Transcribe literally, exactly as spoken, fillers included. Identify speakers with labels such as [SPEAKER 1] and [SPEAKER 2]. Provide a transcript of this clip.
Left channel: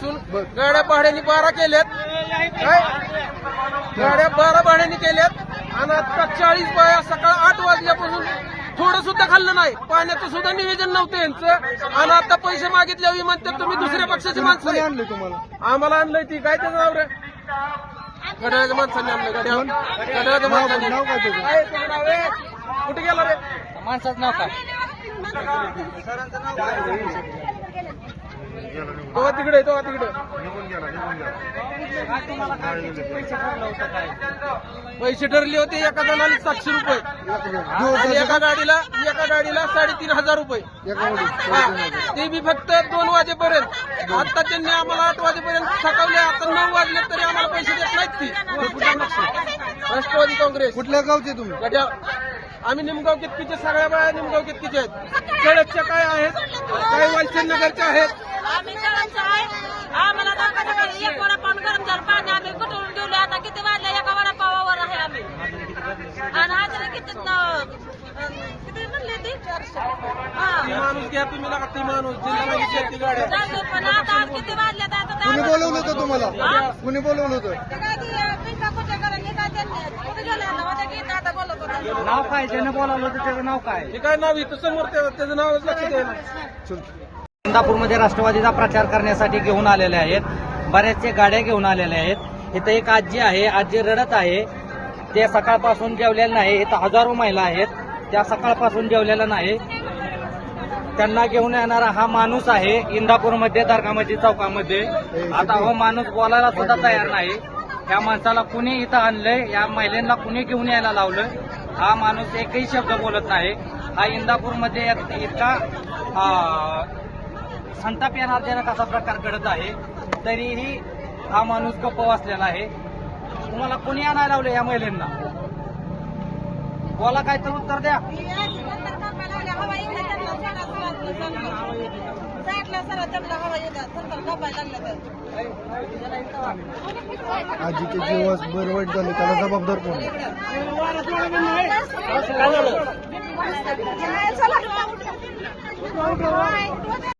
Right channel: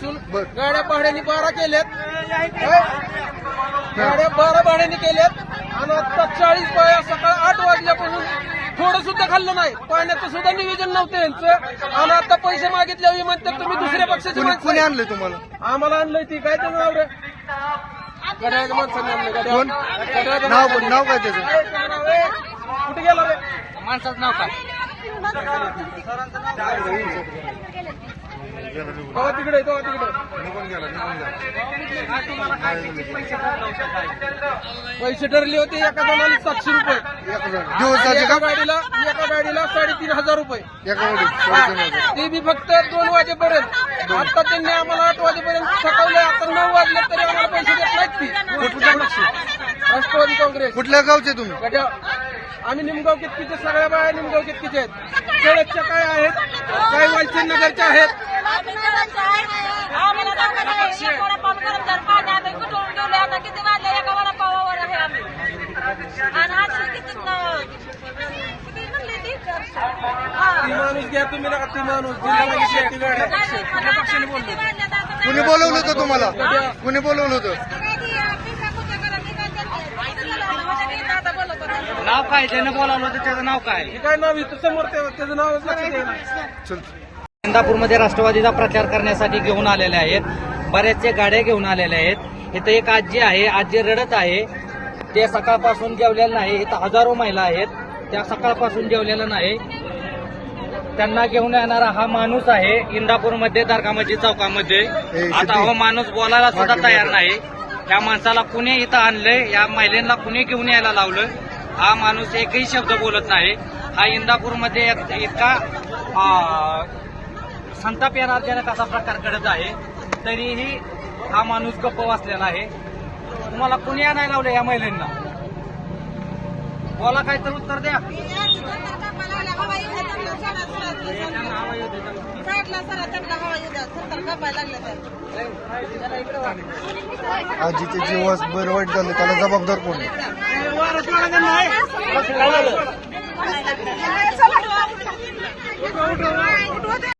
[SPEAKER 1] वाजल्यापासून गाड्या भाड्याने बारा केल्यात, गाड्या बारा भाड्याने केल्यात आणि आता चाळीस बाया सकाळ आठ वाजल्यापासून थोडं सुद्धा खाल्लं नाही, पाण्याचं सुद्धा नियोजन नव्हतं यांचं. आणि आता पैसे मागितल्यावर म्हणतात तुम्ही दुसऱ्या पक्षाची माणसं.
[SPEAKER 2] कोणी आणलंय तुम्हाला?
[SPEAKER 1] आम्हाला आणलंय ती काय त्याचं नाव रे, गड्याच्या माणसाने आणलं. गड्या गड्याचं
[SPEAKER 2] नाव
[SPEAKER 1] माणसाने.
[SPEAKER 2] नाव काय त्याचं?
[SPEAKER 1] काय त्याचं नाव आहे? कुठे गेला रे
[SPEAKER 3] माणसाचं नाव काय?
[SPEAKER 1] तो तिकडे तो तिकडे पैसे ठरले होते एका जणाला सातशे रुपये,
[SPEAKER 2] दिवसाचे
[SPEAKER 1] एका
[SPEAKER 2] का?
[SPEAKER 1] गाडीला एका गाडीला साडेतीन हजार रुपये,
[SPEAKER 2] एका गाडी साडेतीन हजार.
[SPEAKER 1] ते बी फक्त दोन वाजेपर्यंत. आता त्यांनी आम्हाला आठ वाजेपर्यंत थकवले, आता नऊ वाजले तरी आम्हाला पैसे देत नाहीत. ती राष्ट्रवादी काँग्रेस.
[SPEAKER 2] कुठल्या गावचे तुम्ही?
[SPEAKER 1] गड्या आम्ही निमगाव केतकीचे, सगळ्या बाया निमगाव केतकीचे आहेत. खेळतच्या काय आहेत, काही वालचीन नगरच्या आहेत.
[SPEAKER 4] आम्ही जळाचं आहे. आम्हाला दाखवा काही एक वडापाव गरम झालं पाणी आम्ही कुठून ठेवले. आता किती वाजले एका वडापावावर आहे आम्ही. आणि आज किती किती म्हणली ती
[SPEAKER 1] ती माणूस घ्या तुम्ही नका, ती माणूस जिल्ह्यामध्ये शेती गाड्या.
[SPEAKER 4] नाही, पण आता किती वाजले आता
[SPEAKER 2] कुणी बोलवलं होतं तुम्हाला? कुणी बोलवलं होतं?
[SPEAKER 3] नाव काय? ज्यानं बोलावलं होतं त्याचं नाव काय?
[SPEAKER 1] हे काय नाव इथं समोर त्या- त्याचं नाव लक्षात येईल.
[SPEAKER 2] चल.
[SPEAKER 3] इंदापूरमध्ये राष्ट्रवादीचा प्रचार करण्यासाठी घेऊन आलेले आहेत, बऱ्याचशा गाड्या घेऊन आलेल्या आहेत. इथं एक आजी आहे, आजी रडत आहे. ते सकाळपासून जेवलेलं नाही. इथं हजारो महिला आहेत, त्या सकाळपासून जेवलेल्या नाही. त्यांना घेऊन येणारा हा माणूस आहे इंदापूरमध्ये दर्गामस्जिद चौकामध्ये. आता हा माणूस बोलायला सुद्धा तयार नाही. या माणसाला कुणी इथं आणलंय, या महिलांना कुणी घेऊन यायला लावलं, हा माणूस एकही शब्द बोलत नाही. हा इंदापूरमध्ये एक- इतका अं, संताप येणारजनक असा प्रकार घडत आहे, तरीही हा माणूस गप्प बसलेला आहे. तुम्हाला कुणी आणायला लावलं या महिलांना? बोला काय तर उत्तर द्या.
[SPEAKER 2] आजीचे जीवास बरं वाईट झालं, त्याला जबाबदार कोण आहे?